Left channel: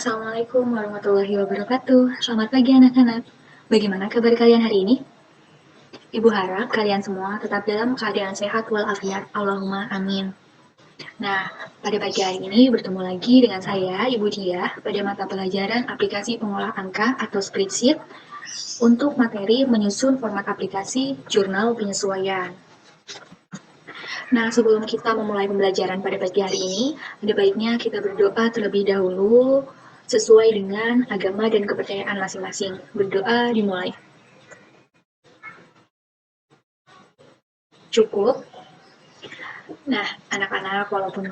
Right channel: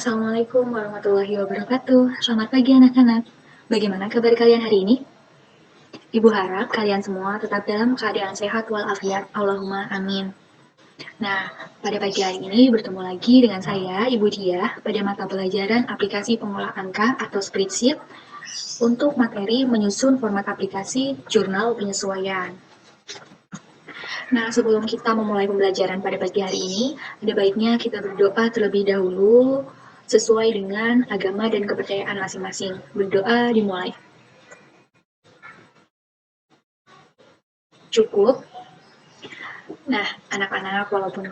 Assalamualaikum warahmatullahi wabarakatuh. Selamat pagi anak-anak. Bagaimana kabar kalian hari ini? Ibu harap kalian semua tetap dalam keadaan sehat walafiat. Allahumma amin. Nah, pada pagi hari ini bertemu lagi dengan saya, Ibu Dia, pada mata pelajaran aplikasi pengolah angka atau spreadsheet untuk materi menyusun format aplikasi jurnal penyesuaian. Nah, sebelum kita memulai pembelajaran pada pagi hari ini, ada baiknya kita berdoa terlebih dahulu sesuai dengan agama dan kepercayaan masing-masing. Berdoa dimulai. Cukup? Nah, anak-anak, walaupun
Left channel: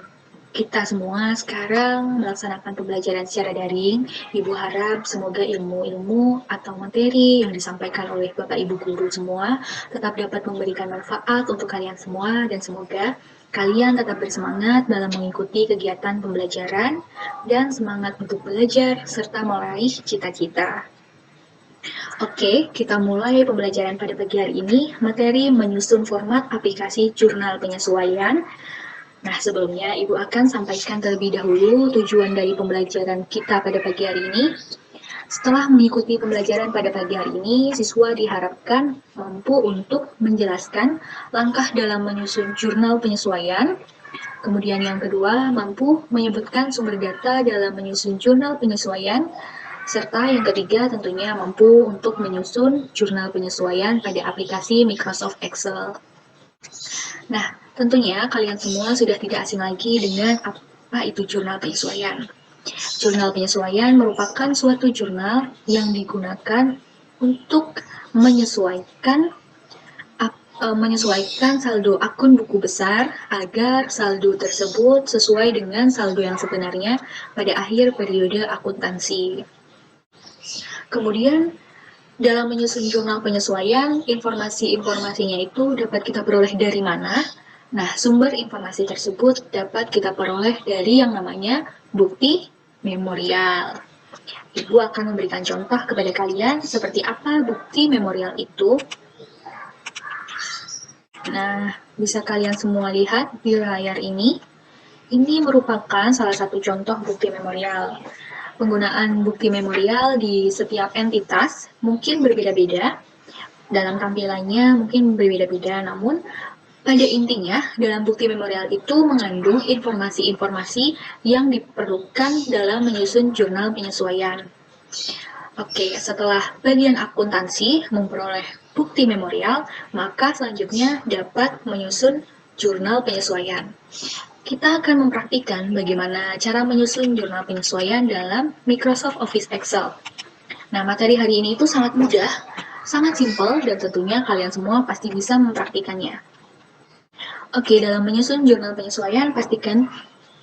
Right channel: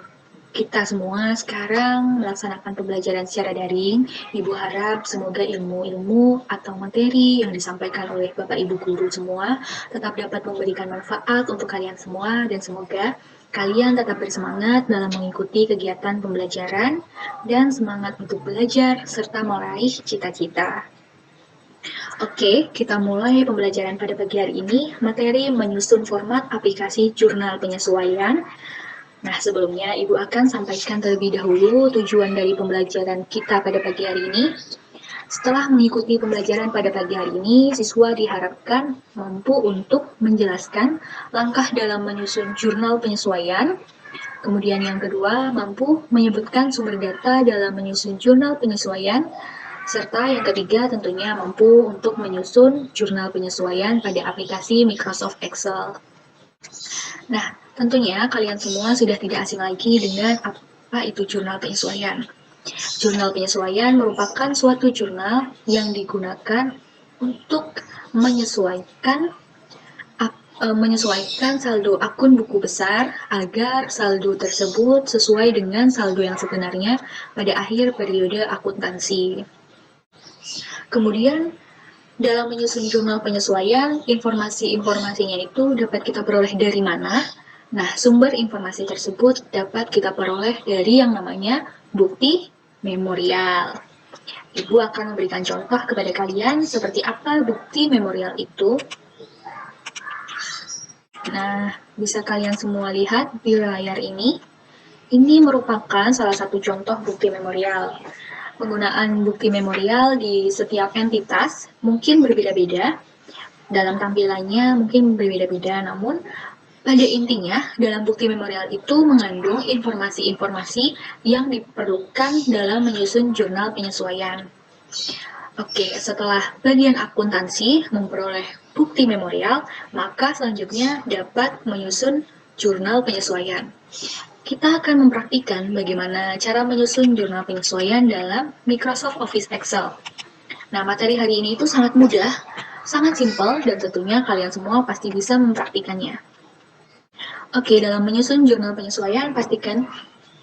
kita semua sekarang melaksanakan pembelajaran secara daring, Ibu harap semoga ilmu-ilmu atau materi yang disampaikan oleh Bapak Ibu guru semua tetap dapat memberikan manfaat untuk kalian semua dan semoga kalian tetap bersemangat dalam mengikuti kegiatan pembelajaran dan semangat untuk belajar serta meraih cita-cita. Oke, kita mulai pembelajaran pada pagi hari ini, materi menyusun format aplikasi jurnal penyesuaian. Nah, sebelumnya Ibu akan sampaikan terlebih dahulu tujuan dari pembelajaran kita pada pagi hari ini. Setelah mengikuti pembelajaran pada pagi hari ini, siswa diharapkan mampu untuk menjelaskan langkah dalam menyusun jurnal penyesuaian. Kemudian yang kedua, mampu menyebutkan sumber data dalam menyusun jurnal penyesuaian. Serta yang ketiga tentunya mampu untuk menyusun jurnal penyesuaian pada aplikasi Microsoft Excel. Nah, tentunya kalian semua sudah tidak asing lagi dengan apa itu jurnal penyesuaian. Jurnal penyesuaian merupakan suatu jurnal yang digunakan untuk menyesuaikan saldo akun buku besar agar saldo tersebut sesuai dengan saldo yang sebenarnya pada akhir periode akuntansi. Kemudian, dalam menyusun jurnal penyesuaian, informasi-informasinya itu dapat kita peroleh dari mana? Nah, sumber informasi tersebut dapat kita peroleh dari yang namanya bukti memorial. Ibu akan memberikan contoh kepada kalian seperti apa bukti memorial itu. Nah, bisa kalian semua lihat di layar ini. Ini merupakan salah satu contoh bukti memorial. Penggunaan bukti memorial di setiap entitas mungkin berbeda-beda. Dalam tampilannya mungkin berbeda-beda, namun pada intinya dalam bukti memorial itu mengandung informasi-informasi yang diperlukan dalam menyusun jurnal penyesuaian. Oke, setelah bagian akuntansi memperoleh bukti memorial, maka selanjutnya dapat menyusun jurnal penyesuaian. Kita akan mempraktikkan bagaimana cara menyusun jurnal penyesuaian dalam Microsoft Office Excel. Nah, materi hari ini itu sangat mudah, sangat simpel, dan tentunya kalian semua pasti bisa mempraktikannya. Oke, dalam menyusun jurnal penyesuaian, pastikan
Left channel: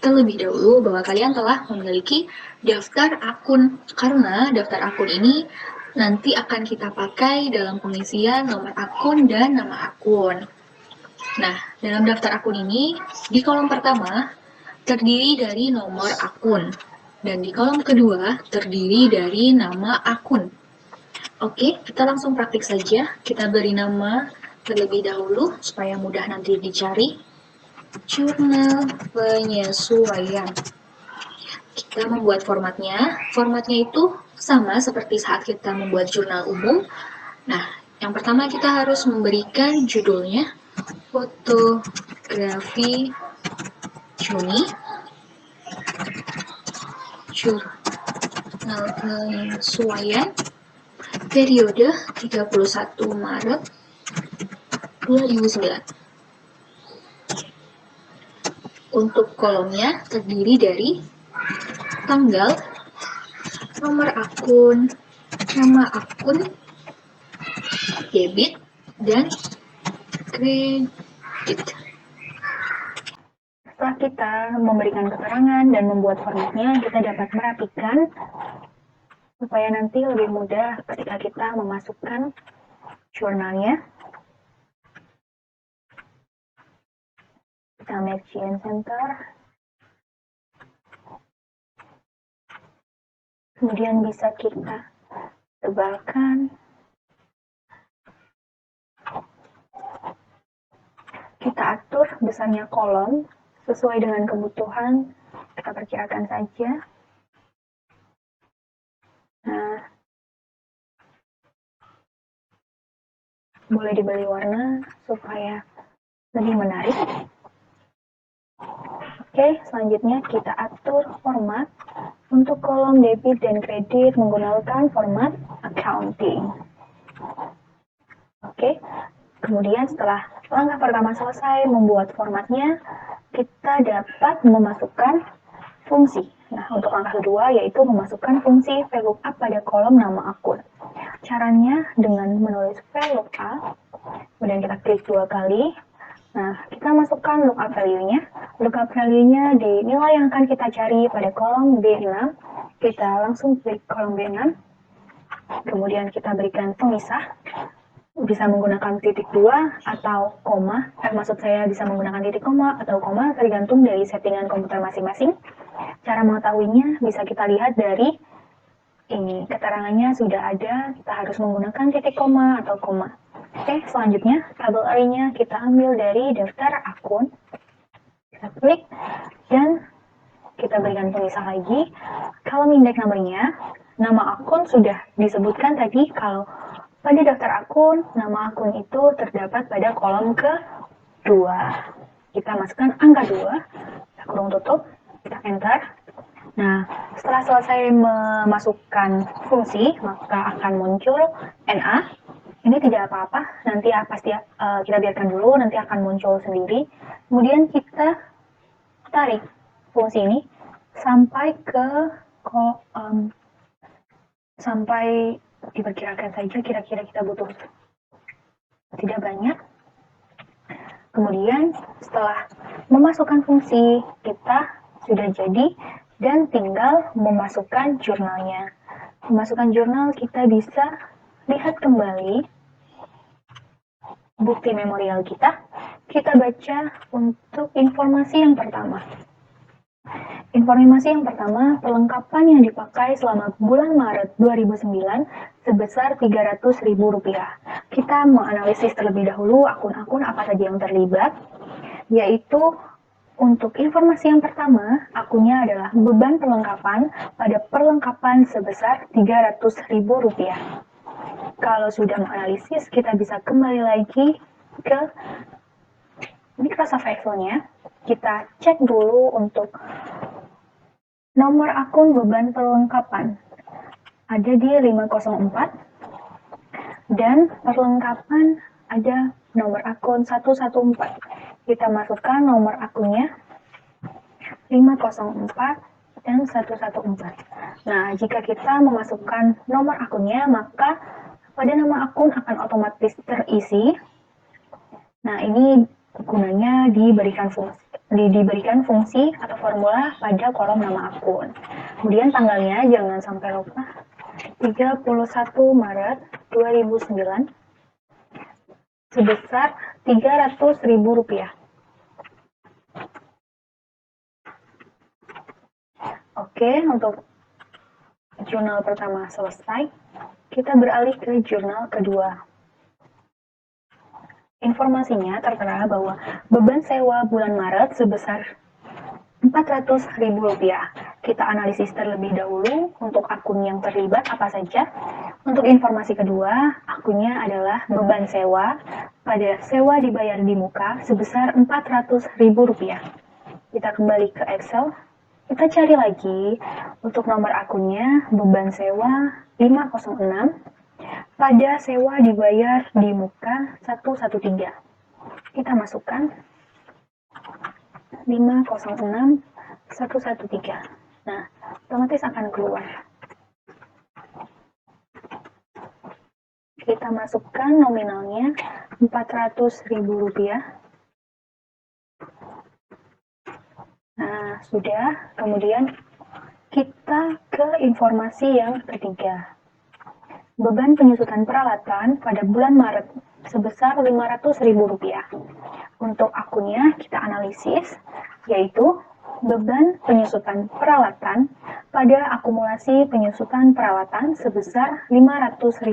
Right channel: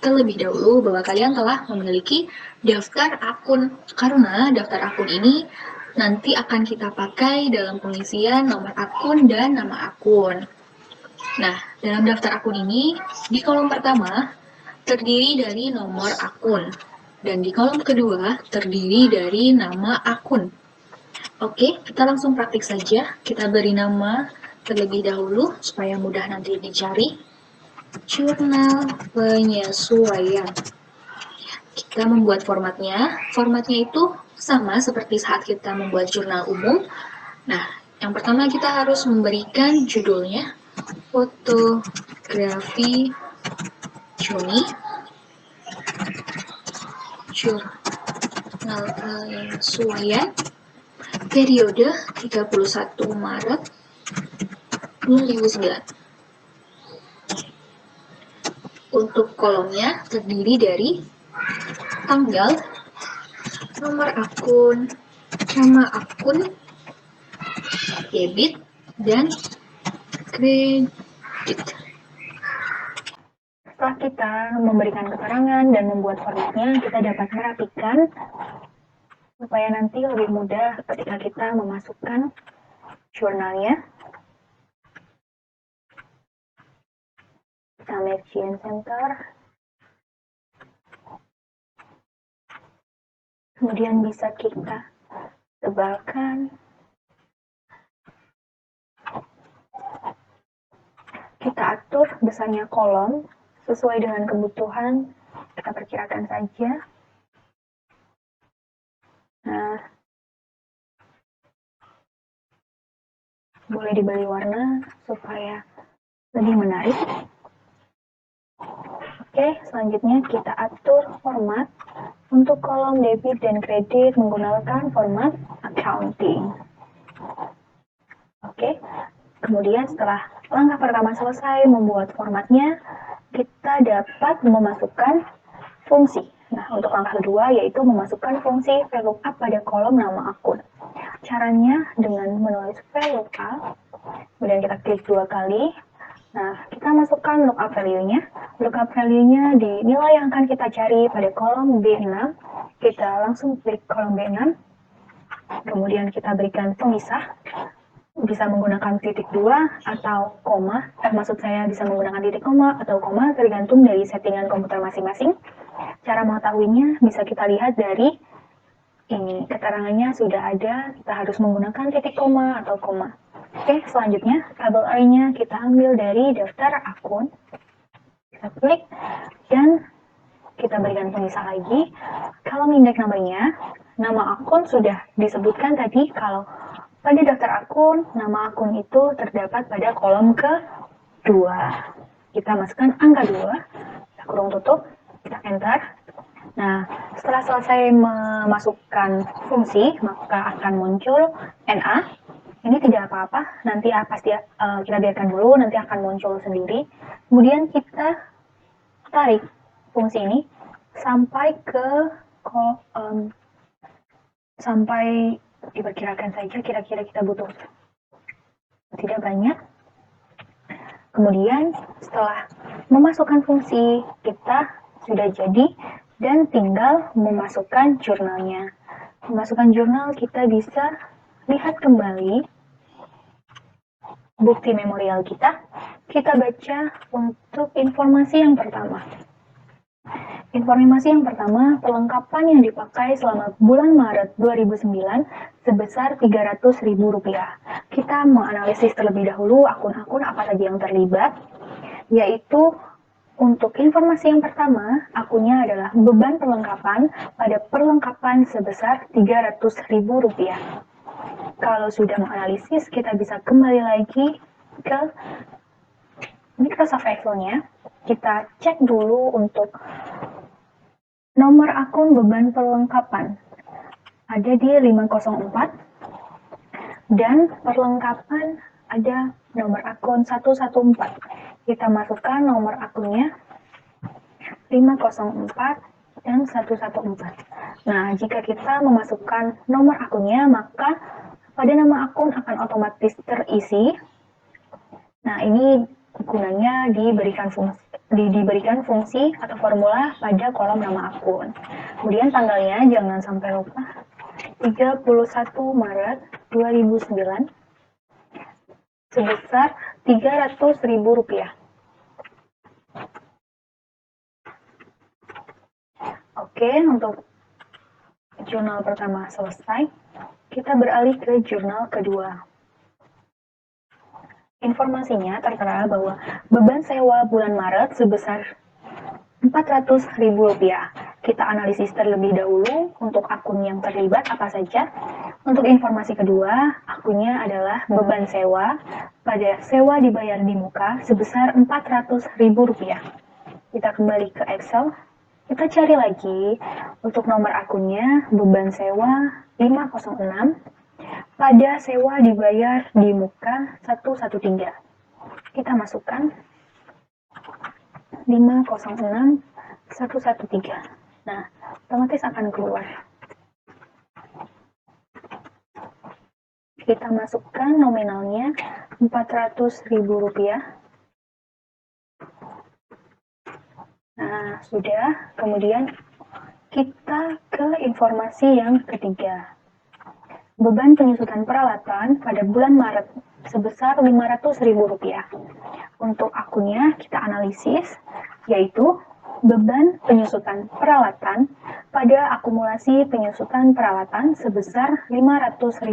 terlebih dahulu bahwa kalian telah memiliki daftar akun, karena daftar akun ini nanti akan kita pakai dalam pengisian nomor akun dan nama akun. Nah, dalam daftar akun ini, di kolom pertama terdiri dari nomor akun, dan di kolom kedua terdiri dari nama akun. Oke, kita langsung praktik saja. Kita beri nama terlebih dahulu supaya mudah nanti dicari. Jurnal penyesuaian. Kita membuat formatnya. Formatnya itu sama seperti saat kita membuat jurnal umum. Nah, yang pertama kita harus memberikan judulnya fotografi Juni jurnal penyesuaian periode 31 Maret 2009. Untuk kolomnya terdiri dari tanggal, nomor akun, nama akun, debit, dan kredit. Setelah kita memberikan keterangan dan membuat formatnya, kita dapat merapikan supaya nanti lebih mudah ketika kita memasukkan jurnalnya. Kita make center. Kemudian bisa kita tebalkan. Kita atur besarnya kolom sesuai dengan kebutuhan. Kita perkirakan saja. boleh diberi warna supaya lebih menarik. Oke, selanjutnya kita atur format. Untuk kolom debit dan kredit menggunakan format accounting. Oke, kemudian setelah langkah pertama selesai membuat formatnya, kita dapat memasukkan fungsi. Nah, untuk langkah kedua yaitu memasukkan fungsi VLOOKUP pada kolom nama akun. Caranya dengan menulis VLOOKUP, kemudian kita klik 2 kali. Nah, kita masukkan lookup value-nya. Lookup value-nya di nilai yang akan kita cari pada kolom B6. Kita langsung klik kolom B6. Kemudian kita berikan pemisah. Bisa menggunakan titik 2 atau koma. Maksud saya bisa menggunakan titik koma atau koma tergantung dari settingan komputer masing-masing. Cara mengetahuinya bisa kita lihat dari ini. Keterangannya sudah ada, kita harus menggunakan titik koma atau koma. Oke, selanjutnya tabel array-nya kita ambil dari daftar akun. Kita klik dan kita berikan pemisah lagi. Kalau index number-nya, nama akun sudah disebutkan tadi kalau pada daftar akun, nama akun itu terdapat pada kolom ke-2. Kita masukkan angka 2, kita kurung tutup, kita enter. Nah, setelah selesai memasukkan fungsi, maka akan muncul NA. Ini tidak apa-apa, nanti pasti kita biarkan dulu, nanti akan muncul sendiri. Kemudian kita tarik fungsi ini sampai ke sampai diperkirakan saja kira-kira kita butuh tidak banyak. Kemudian setelah memasukkan fungsi, kita sudah jadi dan tinggal memasukkan jurnalnya. Memasukkan jurnal kita bisa lihat kembali bukti memorial kita baca untuk informasi yang pertama. Informasi yang pertama, perlengkapan yang dipakai selama bulan Maret 2009 sebesar Rp300.000. Kita menganalisis terlebih dahulu akun-akun apa saja yang terlibat, yaitu untuk informasi yang pertama, akunnya adalah beban perlengkapan pada perlengkapan sebesar Rp300.000. Kalau sudah menganalisis, kita bisa kembali lagi ke Microsoft Excel-nya. Kita cek dulu untuk nomor akun beban perlengkapan. Ada di 504 dan perlengkapan ada nomor akun 114. Kita masukkan nomor akunnya 504 dan 114. Nah, jika kita memasukkan nomor akunnya, maka pada nama akun akan otomatis terisi. Nah, ini gunanya diberikan fungsi atau formula pada kolom nama akun. Kemudian tanggalnya jangan sampai lupa, 31 Maret 2009 sebesar Rp300.000. Oke, untuk jurnal pertama selesai. Kita beralih ke jurnal kedua. Informasinya tertera bahwa beban sewa bulan Maret sebesar Rp400.000. Kita analisis terlebih dahulu untuk akun yang terlibat apa saja. Untuk informasi kedua, akunnya adalah beban sewa pada sewa dibayar di muka sebesar Rp400.000. Kita kembali ke Excel. Kita cari lagi untuk nomor akunnya beban sewa 506 pada sewa dibayar di muka 113. Kita masukkan 506 113. Nah, otomatis akan keluar. Kita masukkan nominalnya Rp400.000. Nah, sudah. Kemudian kita ke informasi yang ketiga. Beban penyusutan peralatan pada bulan Maret sebesar Rp500.000. Untuk akunnya kita analisis, yaitu beban penyusutan peralatan pada akumulasi penyusutan peralatan sebesar Rp500.000.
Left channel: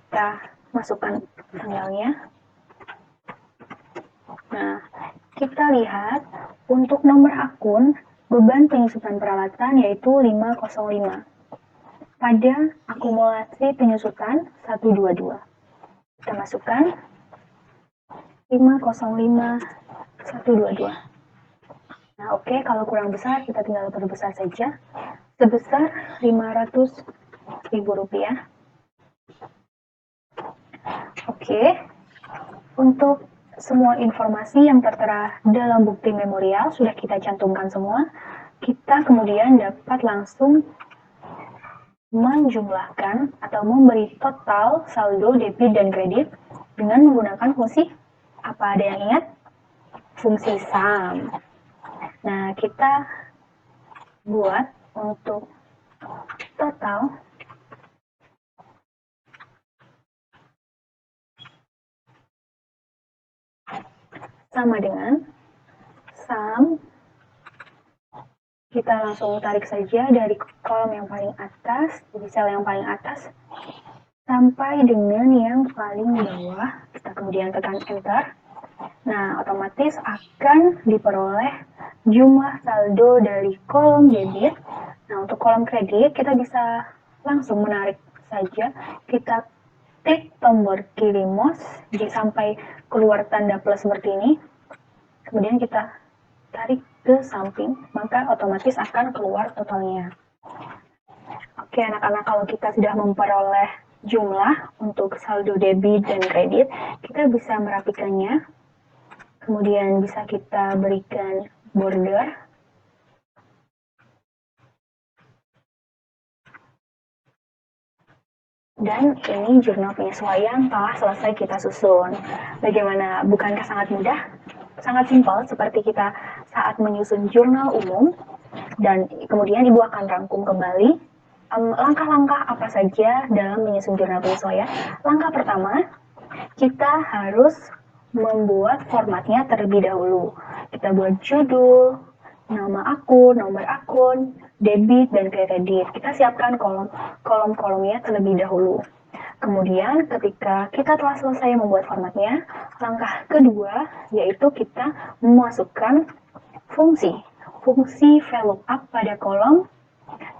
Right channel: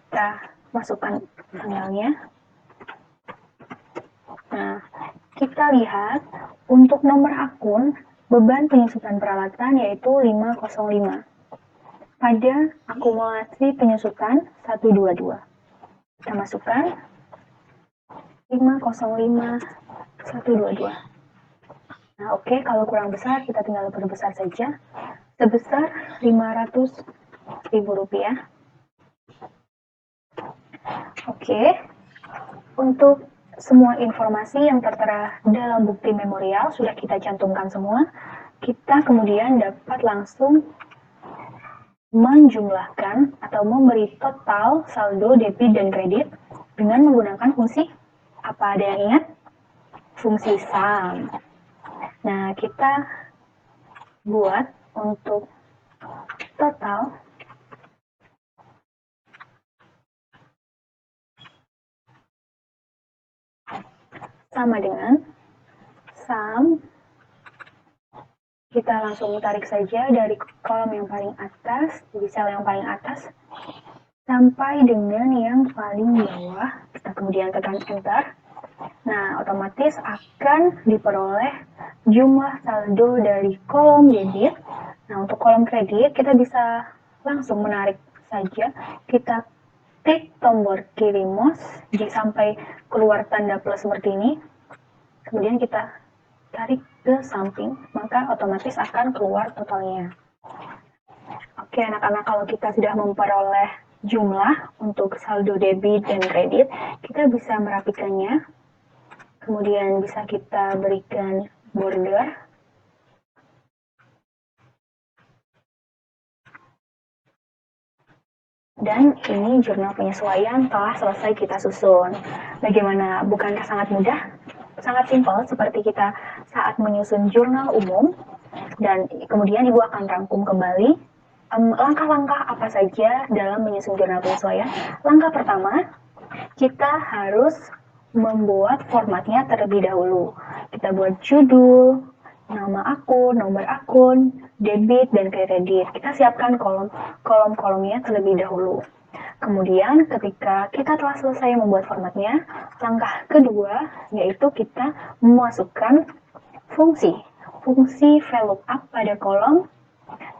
Kita masukkan tanggalnya. Nah, kita lihat untuk nomor akun beban penyusutan peralatan yaitu 505. pada akumulasi penyusutan 122. Kita masukkan 505122. Nah, oke, kalau kurang besar kita tinggal perbesar saja sebesar Rp500.000. Oke, untuk semua informasi yang tertera dalam bukti memorial sudah kita cantumkan semua. Kita kemudian dapat langsung menjumlahkan atau memberi total saldo debit dan kredit dengan menggunakan fungsi apa? Ada yang ingat? Fungsi sum. Nah, kita buat untuk total sama dengan sum. Kita langsung tarik saja dari kolom yang paling atas, di sel yang paling atas, sampai dengan yang paling bawah. Kita kemudian tekan enter. Nah, otomatis akan diperoleh jumlah saldo dari kolom debit. Nah, untuk kolom kredit, kita bisa langsung menarik saja. Kita klik tombol kiri mouse sampai keluar tanda plus seperti ini. Kemudian kita tarik ke samping, maka otomatis akan keluar totalnya. Oke, anak-anak, kalau kita sudah memperoleh jumlah untuk saldo debit dan kredit, kita bisa merapikannya. Kemudian bisa kita berikan border. Dan ini jurnal penyesuaian telah selesai kita susun. Bagaimana? Bukankah sangat mudah? Sangat simpel, seperti kita saat menyusun jurnal umum, dan kemudian Ibu akan rangkum kembali langkah-langkah apa saja dalam menyusun jurnal penyesuaian. Langkah pertama, kita harus membuat formatnya terlebih dahulu. Kita buat judul, nama akun, nomor akun, debit, dan kredit. Kita siapkan kolom-kolomnya terlebih dahulu. Kemudian ketika kita telah selesai membuat formatnya, langkah kedua yaitu kita memasukkan fungsi VLOOKUP pada kolom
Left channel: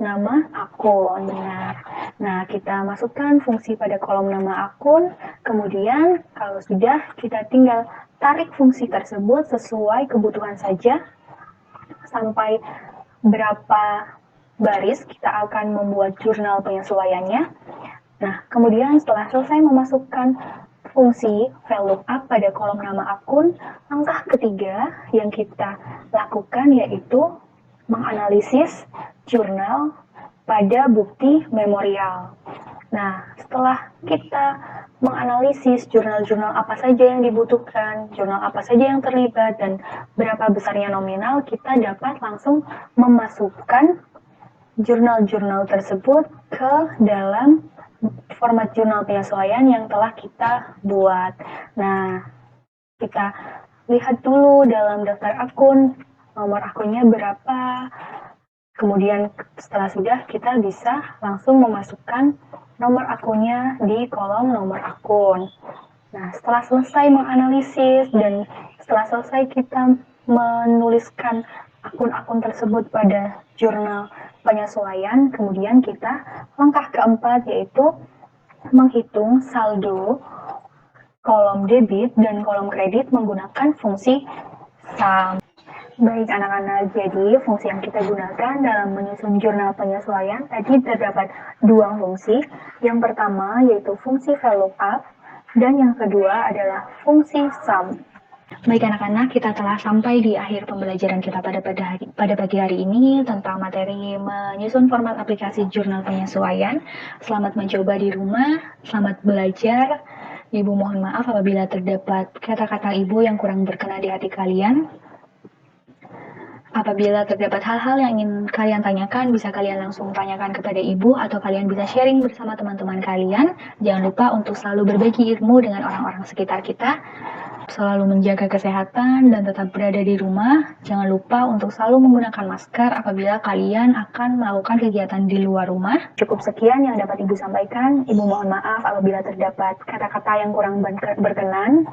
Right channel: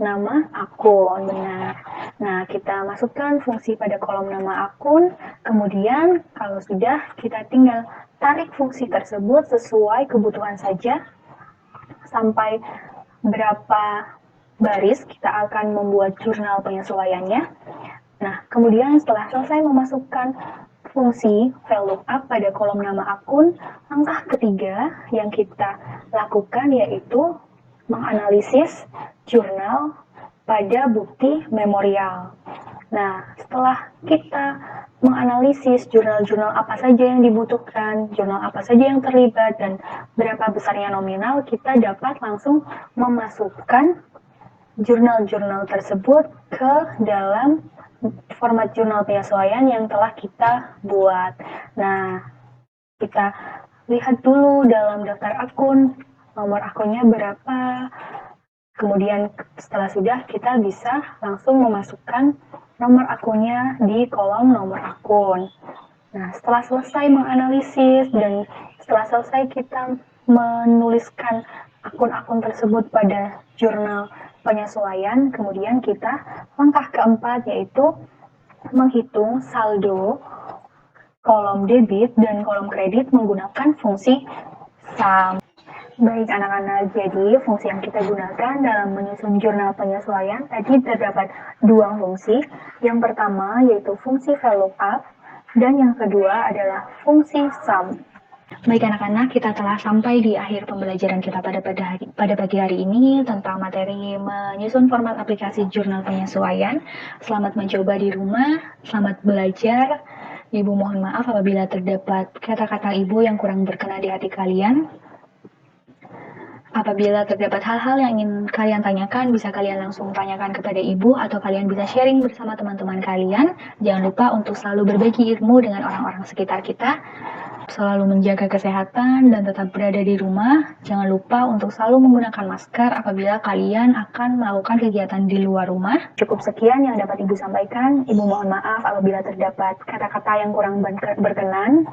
nama akun. Benar. Nah, kita masukkan fungsi pada kolom nama akun, kemudian kalau sudah, kita tinggal tarik fungsi tersebut sesuai kebutuhan saja. Sampai berapa baris kita akan membuat jurnal penyesuaiannya. Nah, kemudian setelah selesai memasukkan fungsi VLOOKUP pada kolom nama akun, langkah ketiga yang kita lakukan yaitu menganalisis jurnal pada bukti memorial. Nah, setelah kita menganalisis jurnal-jurnal apa saja yang dibutuhkan, jurnal apa saja yang terlibat, dan berapa besarnya nominal, kita dapat langsung memasukkan jurnal-jurnal tersebut ke dalam format jurnal penyesuaian yang telah kita buat. Nah, kita lihat dulu dalam daftar akun, nomor akunnya berapa. Kemudian setelah sudah, kita bisa langsung memasukkan nomor akunnya di kolom nomor akun. Nah, setelah selesai menganalisis dan setelah selesai kita menuliskan akun-akun tersebut pada jurnal penyesuaian, kemudian kita langkah keempat yaitu menghitung saldo kolom debit dan kolom kredit menggunakan fungsi sum. Baik anak-anak, jadi fungsi yang kita gunakan dalam menyusun jurnal penyesuaian tadi terdapat dua fungsi. Yang pertama yaitu fungsi VLOOKUP dan yang kedua adalah fungsi sum. Baik anak-anak, kita telah sampai di akhir pembelajaran kita pada pagi hari ini tentang materi menyusun format aplikasi jurnal penyesuaian. Selamat mencoba di rumah, selamat belajar. Ibu mohon maaf apabila terdapat kata-kata Ibu yang kurang berkenan di hati kalian. Apabila terdapat hal-hal yang ingin kalian tanyakan, bisa kalian langsung tanyakan kepada Ibu atau kalian bisa sharing bersama teman-teman kalian. Jangan lupa untuk selalu berbagi ilmu dengan orang-orang sekitar kita. Selalu menjaga kesehatan dan tetap berada di rumah. Jangan lupa untuk selalu menggunakan masker apabila kalian akan melakukan kegiatan di luar rumah. Cukup sekian yang dapat Ibu sampaikan. Ibu mohon maaf apabila terdapat kata-kata yang kurang berkenan.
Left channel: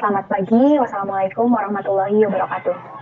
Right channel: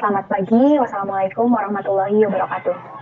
Selamat pagi. Wassalamualaikum warahmatullahi wabarakatuh.